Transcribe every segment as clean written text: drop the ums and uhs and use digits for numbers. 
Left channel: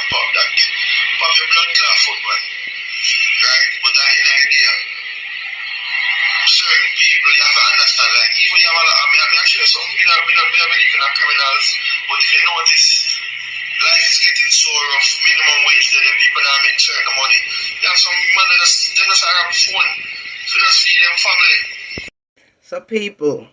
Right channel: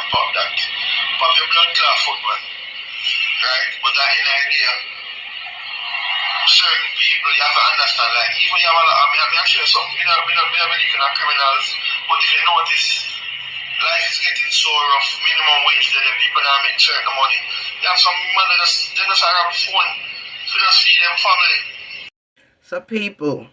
and pop that. Pop your blood clot foot, man. Right? But that in idea, certain people, you have to understand, like, even you have a lot, I mean, I'm sure something, me not believe in criminals, but if you notice, life is getting so rough, minimum wage that the people now make certain money. You have some money they just have a phone to just feed them family. So people,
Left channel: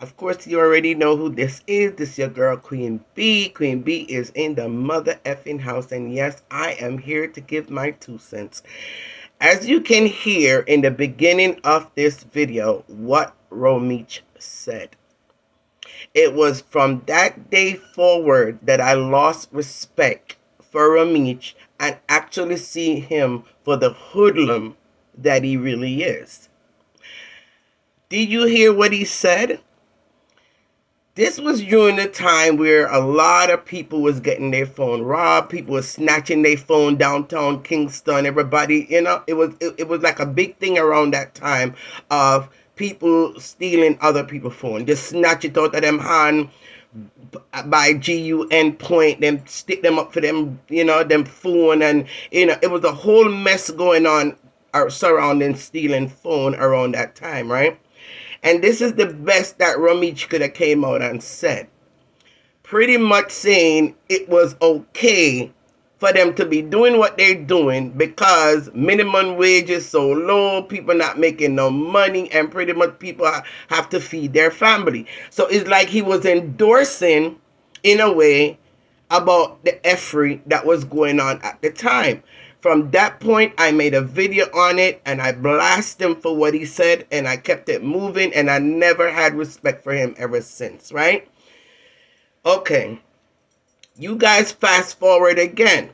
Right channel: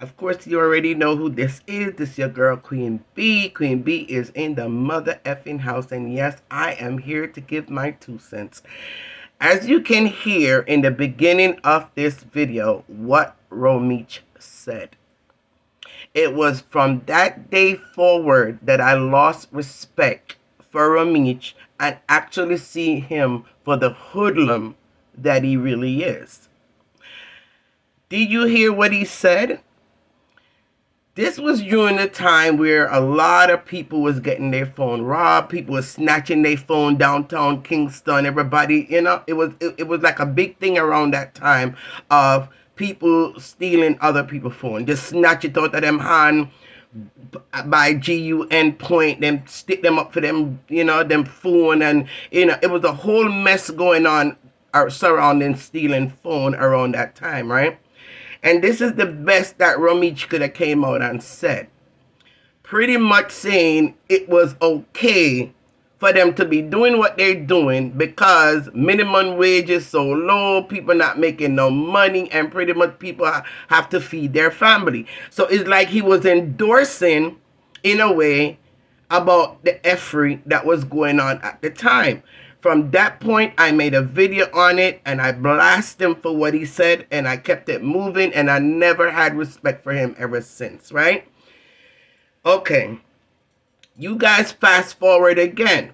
of course you already know who this is. This is your girl Queen B. Queen B is in the mother effing house, and yes, I am here to give my 2 cents. As you can hear in the beginning of this video, what Romeich said. It was from that day forward that I lost respect for Romeich and actually see him for the hoodlum that he really is. Did you hear what he said? This was during the time where a lot of people was getting their phone robbed. People was snatching their phone downtown Kingston. Everybody, it was like a big thing around that time of people stealing other people's phone. Just snatch it out of them hand by GUN point, then stick them up for them, them phone, and it was a whole mess going on surrounding stealing phone around that time, right? And this is the best that Romeich could have came out and said. Pretty much saying it was okay for them to be doing what they're doing because minimum wage is so low, people not making no money, and pretty much people have to feed their family. So it's like he was endorsing, in a way, about the effery that was going on at the time. From that point, I made a video on it and I blasted him for what he said, and I kept it moving, and I never had respect for him ever since, right? Okay, you guys fast forward again.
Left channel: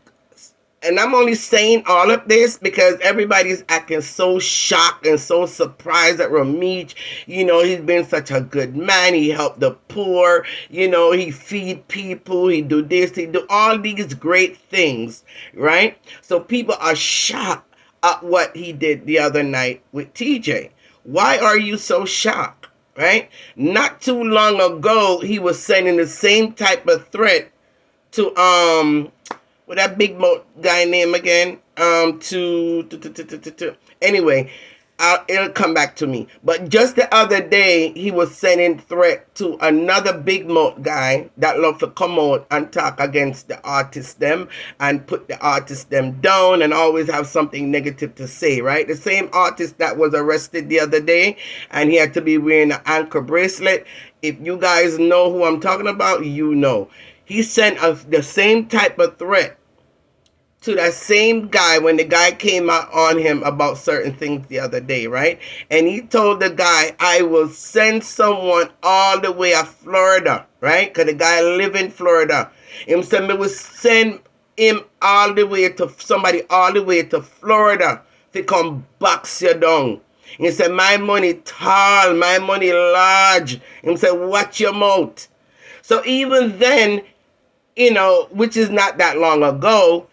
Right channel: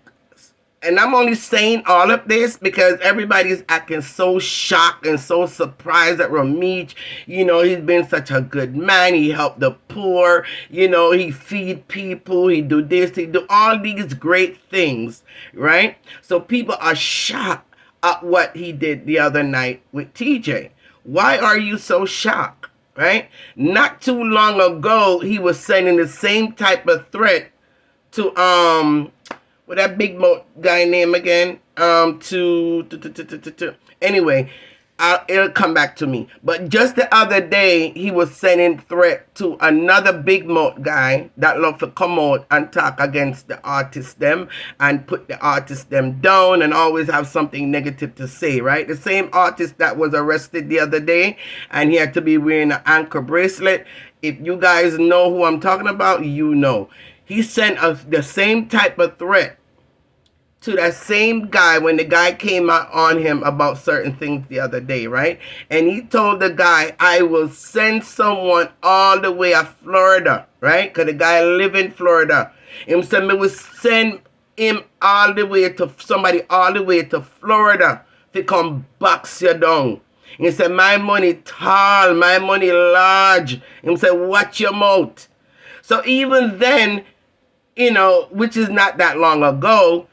And I'm only saying all of this because everybody's acting so shocked and so surprised at Romeich. He's been such a good man. He helped the poor. He feed people. He do this. He do all these great things, right? So people are shocked at what he did the other night with TJ. Why are you so shocked, right? Not too long ago, he was sending the same type of threat to what that big guy name again? Anyway, it'll come back to me. But just the other day, he was sending threat to another big mouth guy that love to come out and talk against the artists them and put the artists them down and always have something negative to say, right? The same artist that was arrested the other day and he had to be wearing an ankle bracelet. If you guys know who I'm talking about, you know. He sent us the same type of threat to that same guy when the guy came out on him about certain things the other day, right? And he told the guy, I will send someone all the way to Florida, right? Because the guy live in Florida. Him said me will send him all the way to somebody all the way to Florida to come box you down. He said, my money tall, my money large. He said, watch your mouth. So even then, which is not that long ago,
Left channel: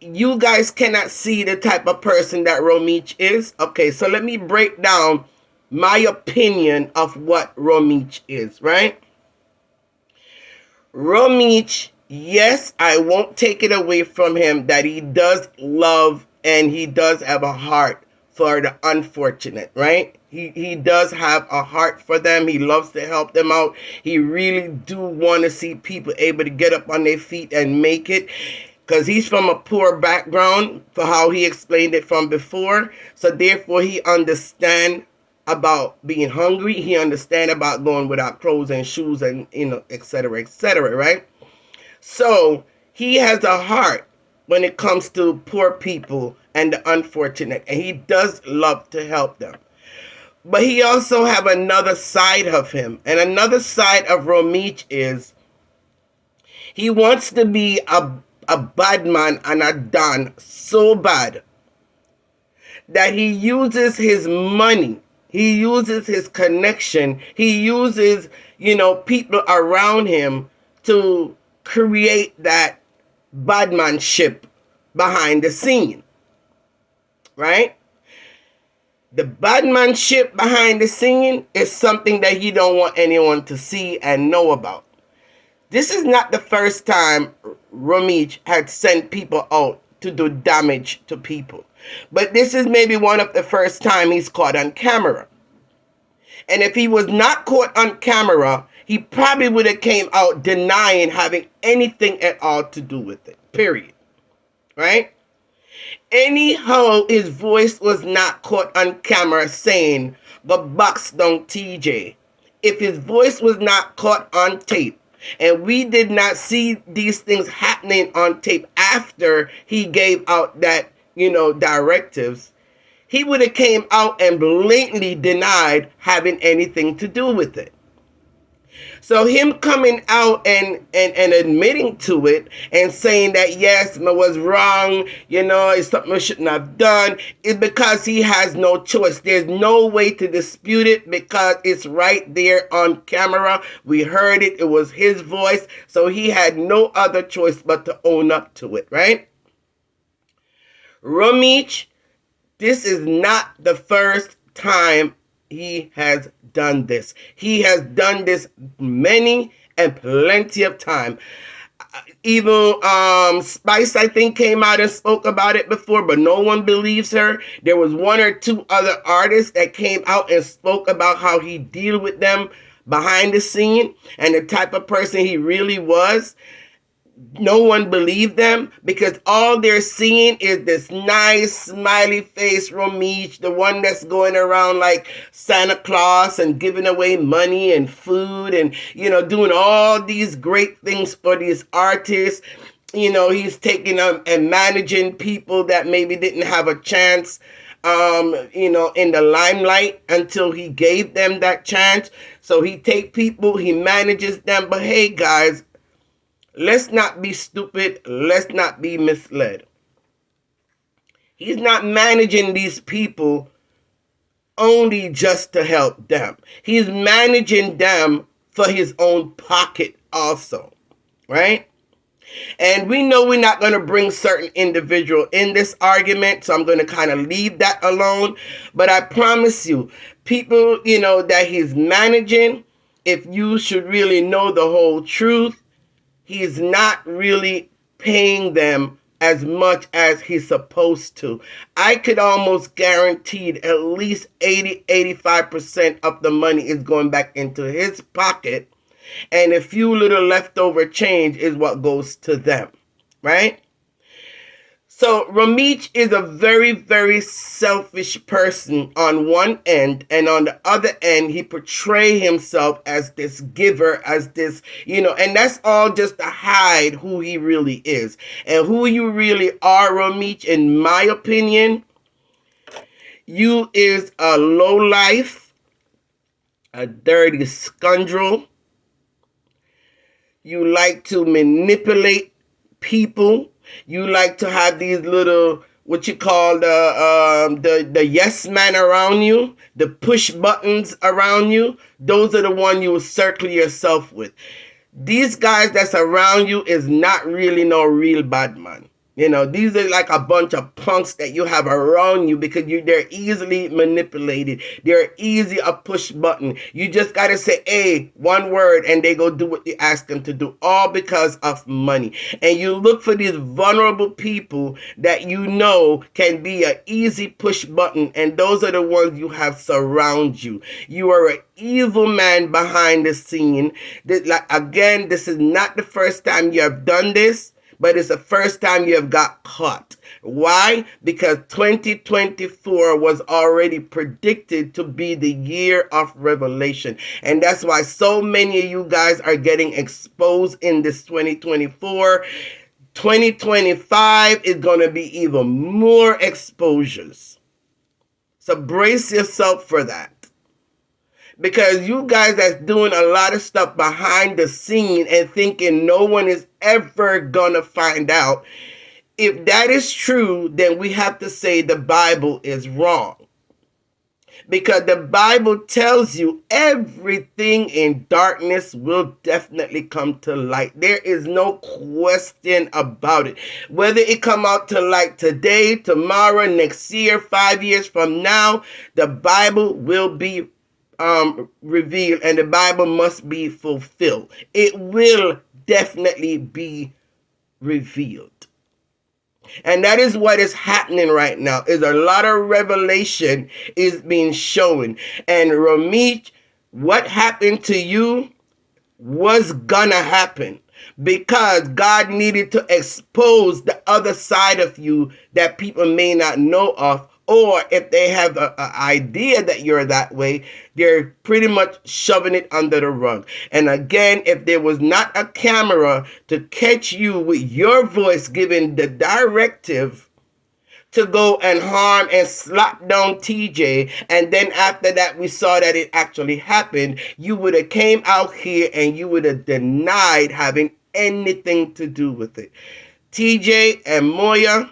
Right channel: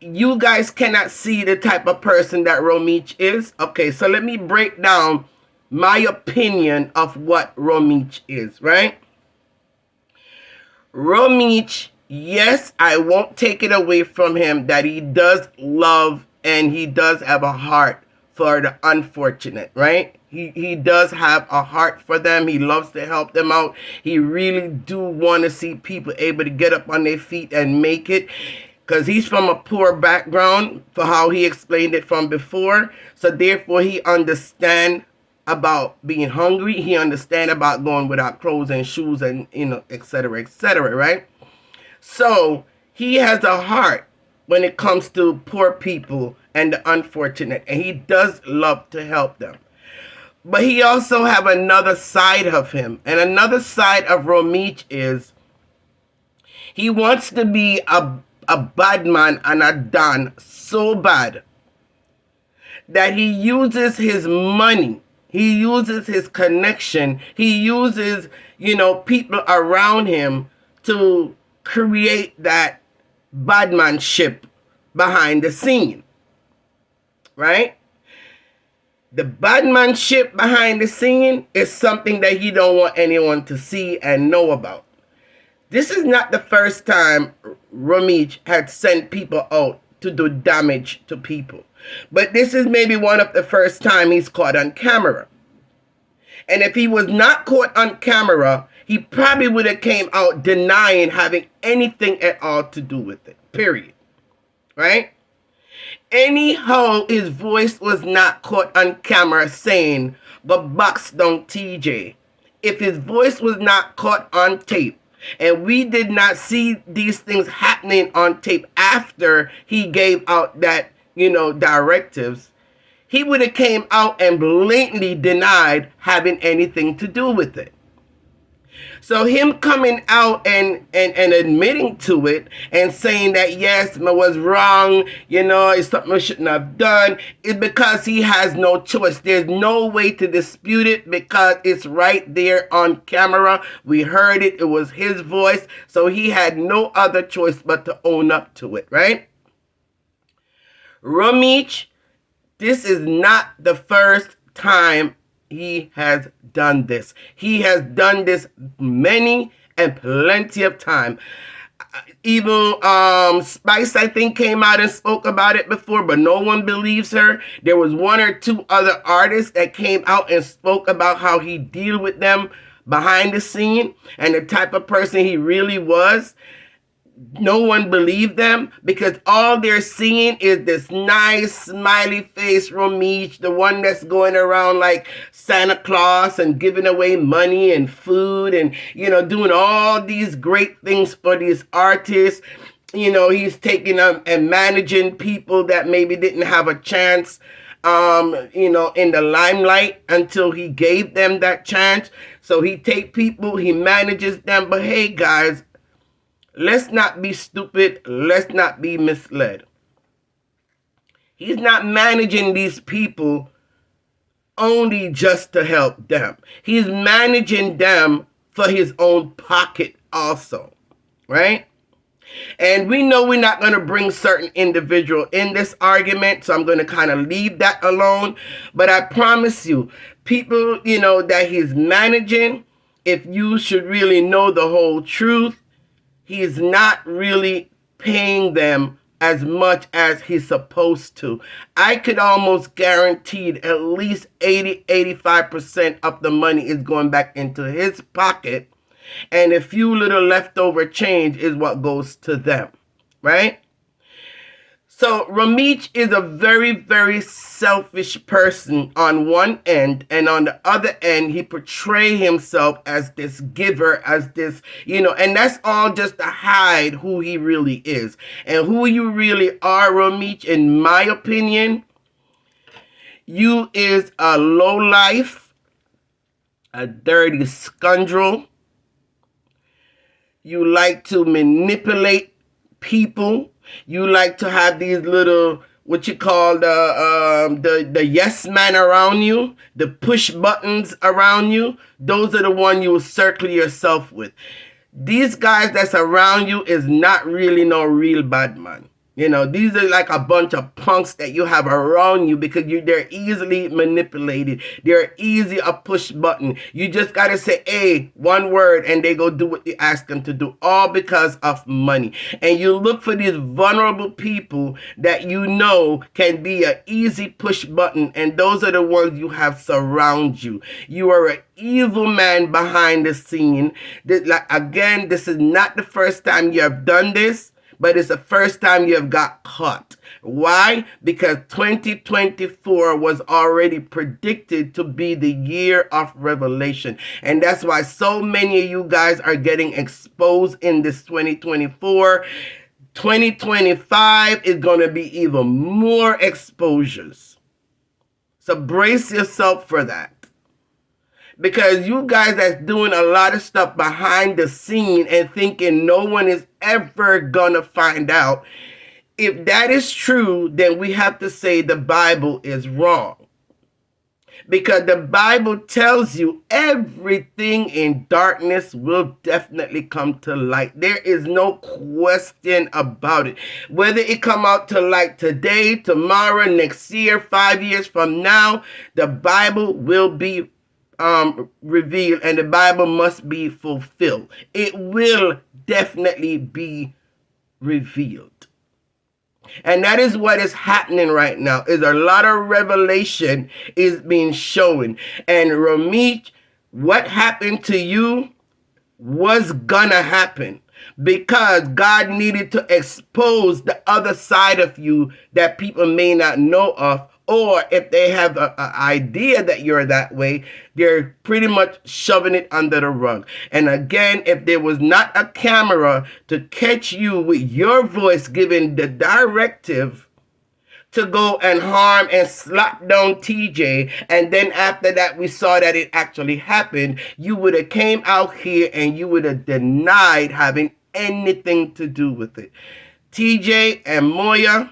you guys cannot see the type of person that Romeich is. Okay, so let me break down my opinion of what Romeich is, right? Romeich, yes, I won't take it away from him that he does love and he does have a heart for the unfortunate, right? He does have a heart for them. He loves to help them out. He really do want to see people able to get up on their feet and make it, because he's from a poor background for how he explained it from before. So therefore he understand about being hungry. He understand about going without clothes and shoes and, et cetera, right? So he has a heart when it comes to poor people and the unfortunate, and he does love to help them. But he also have another side of him, and another side of Romeich is he wants to be a bad man and a don so bad that he uses his money, he uses his connection, he uses, people around him to create that badmanship behind the scene, right? The badmanship behind the scene is something that he don't want anyone to see and know about. This is not the first time Romeich had sent people out to do damage to people. But this is maybe one of the first time he's caught on camera. And if he was not caught on camera, he probably would have came out denying having anything at all to do with it. Period. Right? Anyhow, his voice was not caught on camera saying, "The box down TJ." If his voice was not caught on tape, and we did not see these things happening on tape after he gave out that, directives, he would have came out and blatantly denied having anything to do with it. So him coming out and admitting to it and saying that, yes, I was wrong, it's something I shouldn't have done, is because he has no choice. There's no way to dispute it because it's right there on camera. We heard it. It was his voice. So he had no other choice but to own up to it, right? Romeich, this is not the first time he has done this. He has done this many and plenty of time. Even Spice, I think, came out and spoke about it before, but no one believes her. There was one or two other artists that came out and spoke about how he deal with them behind the scene and the type of person he really was. No one believed them because all they're seeing is this nice smiley face Romeich, the one that's going around like Santa Claus and giving away money and food and, doing all these great things for these artists. He's taking them and managing people that maybe didn't have a chance, in the limelight until he gave them that chance. So he take people, he manages them. But hey, guys, let's not be stupid. Let's not be misled. He's not managing these people only just to help them. He's managing them for his own pocket also, right? And we know we're not going to bring certain individual in this argument, so I'm going to kind of leave that alone. But I promise you, people, that he's managing, if you should really know the whole truth, he's not really paying them as much as he's supposed to. I could almost guarantee at least 80-85% of the money is going back into his pocket, and a few little leftover change is what goes to them, right? So Romeich is a very, very selfish person on one end, and on the other end, he portrays himself as this giver, as this, and that's all just to hide who he really is. And who you really are, Romeich, in my opinion, you is a lowlife, a dirty scoundrel. You like to manipulate people. You like to have these little, what you call the yes man around you, the push buttons around you. Those are the ones you will circle yourself with. These guys that's around you is not really no real bad man. These are like a bunch of punks that you have around you because they're easily manipulated. They're easy a push button. You just got to say, hey, one word, and they go do what you ask them to do, all because of money. And you look for these vulnerable people that can be an easy push button, and those are the ones you have surround you. You are an evil man behind the scene. Again, this is not the first time you have done this, but it's the first time you have got caught. Why? Because 2024 was already predicted to be the year of revelation. And that's why so many of you guys are getting exposed in this 2024. 2025 is going to be even more exposures. So brace yourself for that. Because you guys that's doing a lot of stuff behind the scene and thinking no one is ever gonna find out, if that is true, then we have to say the Bible is wrong. Because the Bible tells you everything in darkness will definitely come to light. There is no question about it. Whether it come out to light today, tomorrow, next year, 5 years from now, the Bible will be revealed, and the Bible must be fulfilled. It will definitely be revealed. And that is what is happening right now. Is a lot of revelation is being shown. And Romeich, what happened to you was gonna happen because God needed to expose the other side of you that people may not know of, or if they have an idea that you're that way, they're pretty much shoving it under the rug. And again, if there was not a camera to catch you with your voice giving the directive to go and harm and slap down TJ, and then after that we saw that it actually happened, you would have came out here and you would have denied having anything to do with it. TJ and Moya,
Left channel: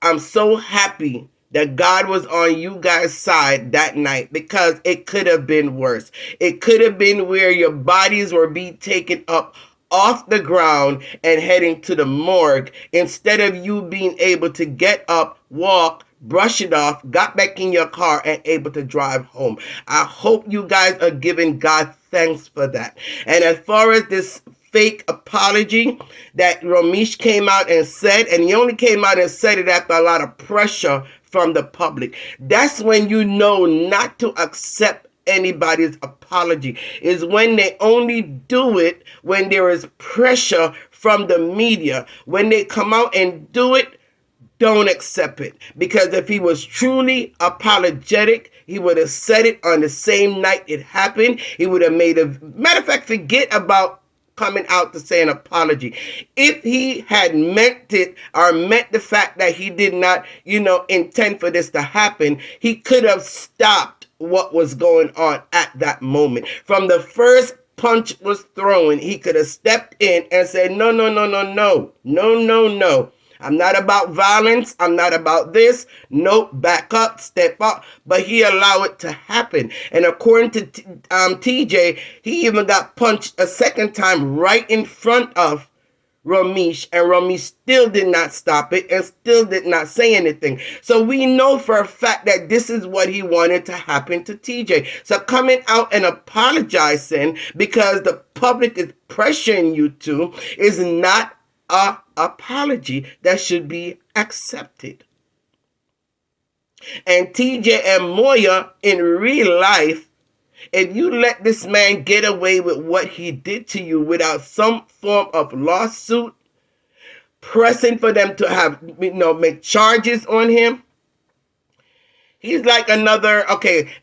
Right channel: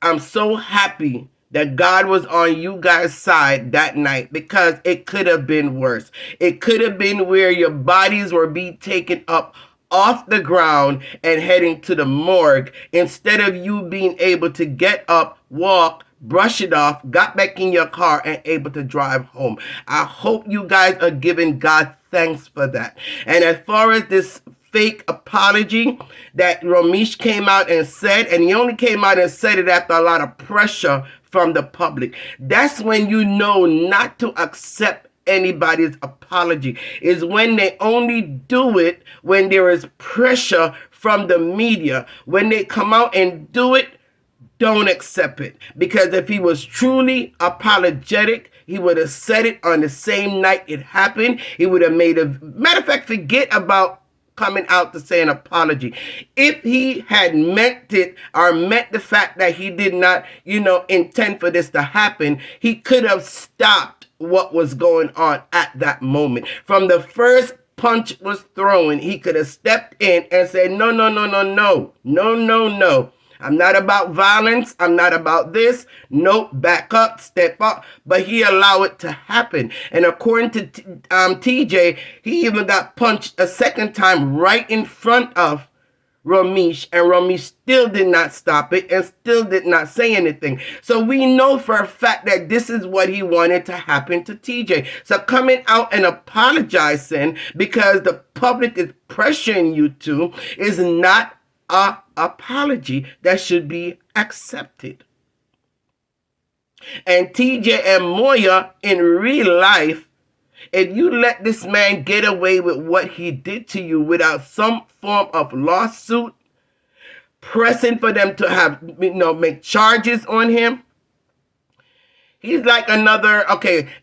I'm so happy that God was on you guys' side that night, because it could have been worse. It could have been where your bodies were being taken up off the ground and heading to the morgue, instead of you being able to get up, walk, brush it off, got back in your car and able to drive home. I hope you guys are giving God thanks for that. And as far as this fake apology that Romeich came out and said, and he only came out and said it after a lot of pressure from the public, that's when you know not to accept anybody's apology, is when they only do it when there is pressure from the media. When they come out and do it, don't accept it. Because if he was truly apologetic, he would have said it on the same night it happened. He would have made a matter of fact, forget about coming out to say an apology. If he had meant it, or meant the fact that he did not, intend for this to happen, he could have stopped what was going on at that moment. From the first punch was thrown, he could have stepped in and said, no, no, no, no, no, no, no, no. I'm not about violence. I'm not about this. Nope, back up, step up. But he allowed it to happen. And according to TJ, he even got punched a second time right in front of Romeich, and Romeich still did not stop it and still did not say anything. So we know for a fact that this is what he wanted to happen to TJ. So coming out and apologizing because the public is pressuring you to is not a apology that should be accepted. And TJ and Moya, in real life, if you let this man get away with what he did to you without some form of lawsuit, pressing for them to have, make charges on him, he's like another,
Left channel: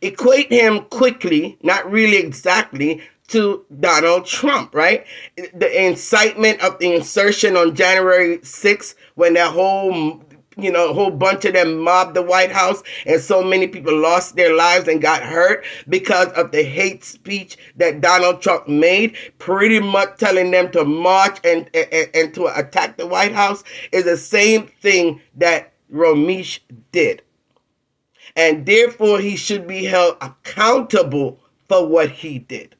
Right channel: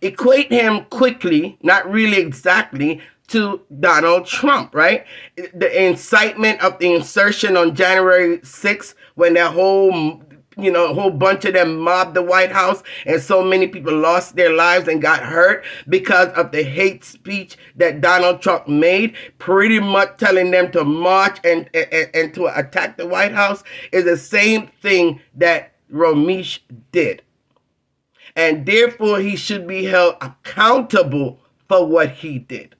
equate him quickly, not really exactly, to Donald Trump, right? The incitement of the insurrection on January 6th, when that whole bunch of them mobbed the White House and so many people lost their lives and got hurt because of the hate speech that Donald Trump made, pretty much telling them to march and to attack the White House, is the same thing that Romeich did. And therefore, he should be held accountable for what he did.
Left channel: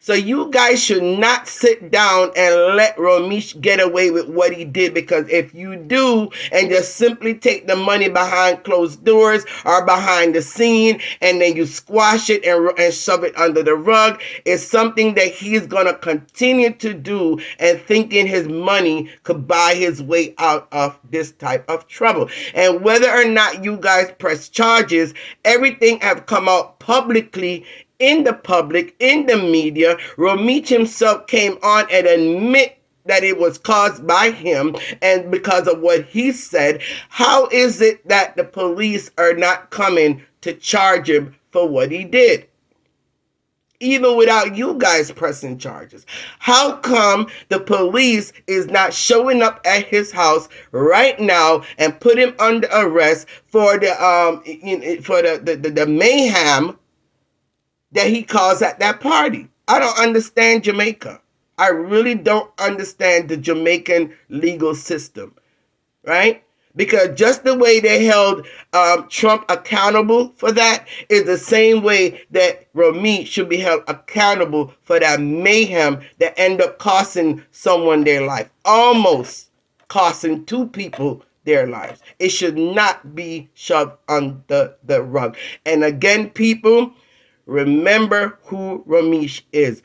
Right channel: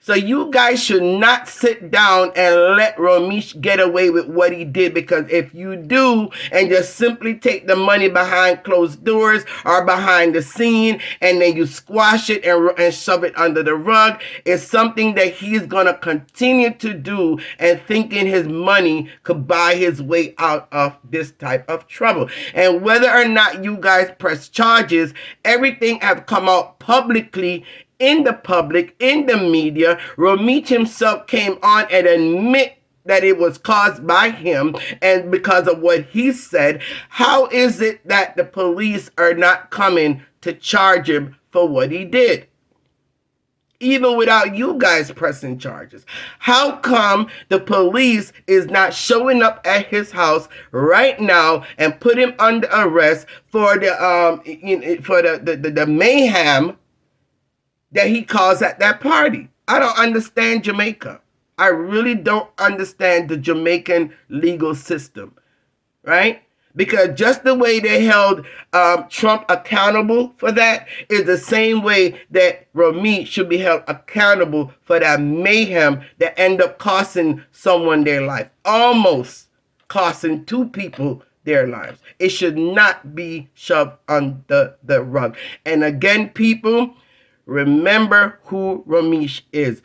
So you guys should not sit down and let Romeich get away with what he did, because if you do and just simply take the money behind closed doors or behind the scene and then you squash it and shove it under the rug, it's something that he's going to continue to do, and thinking his money could buy his way out of this type of trouble. And whether or not you guys press charges, everything have come out publicly in the public, in the media. Romeich himself came on and admit that it was caused by him and because of what he said. How is it that the police are not coming to charge him for what he did? Even without you guys pressing charges. How come the police is not showing up at his house right now and put him under arrest for the mayhem that he caused at that party? I don't understand Jamaica. I really don't understand the Jamaican legal system, right? Because just the way they held Trump accountable for that is the same way that Romeich should be held accountable for that mayhem that ended up costing someone their life. Almost costing two people their lives. It should not be shoved under the rug. And again, people, remember who Romeich is.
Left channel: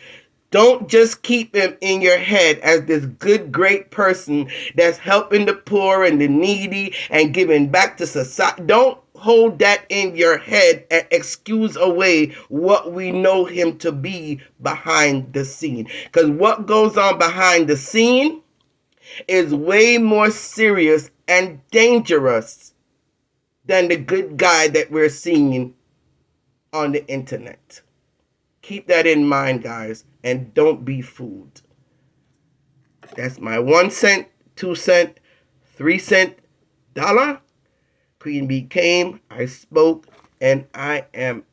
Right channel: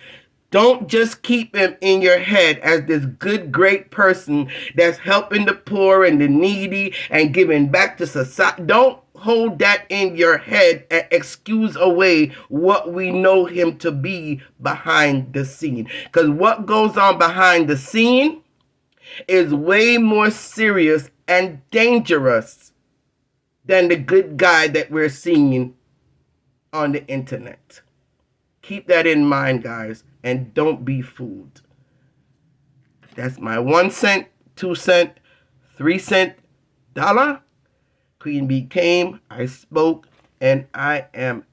Don't just keep him in your head as this good, great person that's helping the poor and the needy and giving back to society. Don't hold that in your head and excuse away what we know him to be behind the scene. Because what goes on behind the scene is way more serious and dangerous than the good guy that we're seeing on the internet. Keep that in mind, guys, and don't be fooled. That's my 1 cent, 2 cent, 3 cent dollar. Queen Bee came, I spoke, and I am